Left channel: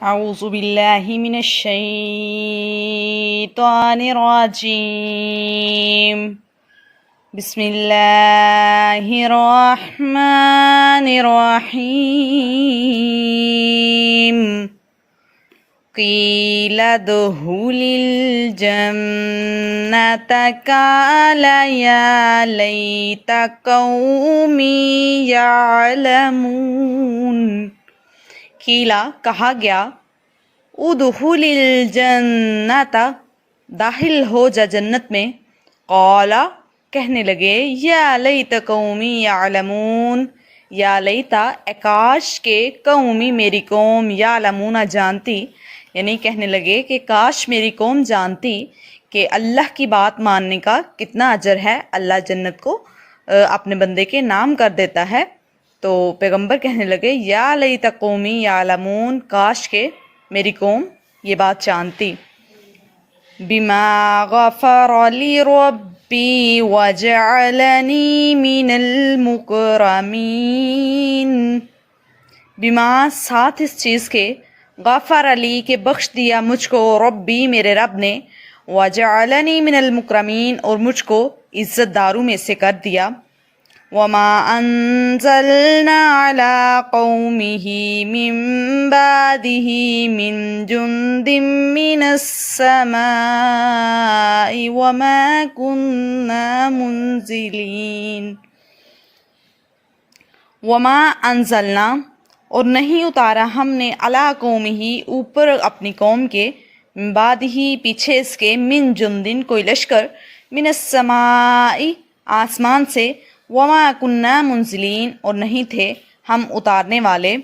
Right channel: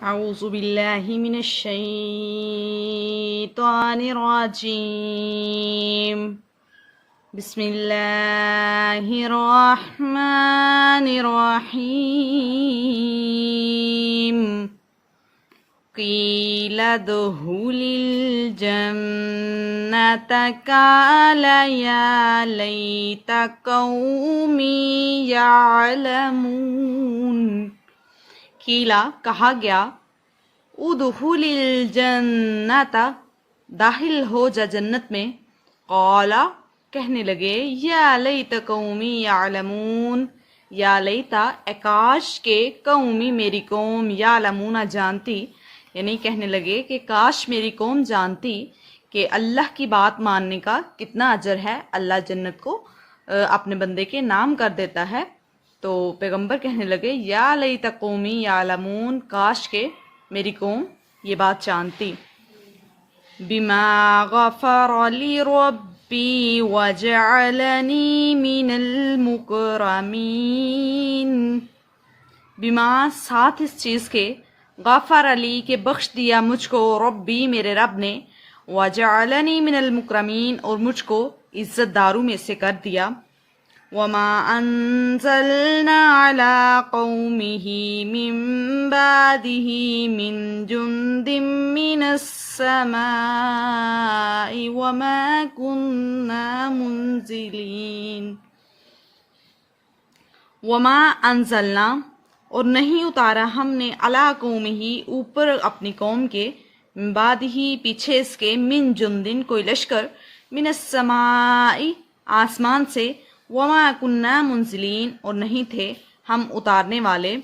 اعوذ باللہ من الشیطان الرجیم بسم اللہ الرحمن الرحیم قیل ادخل الجنة قال یا لیت قومی یعلمون۔ قیلا کہا گیا، ادخل الجنت داخل ہو جا جنت میں، قالا کہنے لگے، یا لیت قومی یعلمون، یا لیتا اے کاش کے قومی میری قوم یعلمون جانتی، یعنی کہنے لگے کہ کاش میری قوم جانتی کہ اللہ کی بات ماننے کا کتنا اجر ہے۔ اللہ جنت کو اپنے بندے کے نام کر دیتا ہے۔ تو پیغمبر کہنے لگے، یا لیت قومی یعلمون، کاش کہ میری قوم یہ بات جانتی۔ بما غفر لی ربی وجعلنی من المکرمین، بما ساتھ اس چیز کے، غفر علی کے بخش دیا مجھ کو، ربی میرے رب نے، وجعلنی من المکرمین اور مجھ کو عزت داروں میں سے کر دیا۔ وما انزلنا على قومه من بعده من جند من السماء وما كنا منزلين۔ وما انزلنا اور نہیں اتارا ہم نے علی قومه اوپر اپنی قوم کے، من بعدہ پیچھے اس کے، من جندن کوئی لشکر، من السماء آسمان سے، وما کننا منزلین اور نہیں تھے ہم اتارنے والے،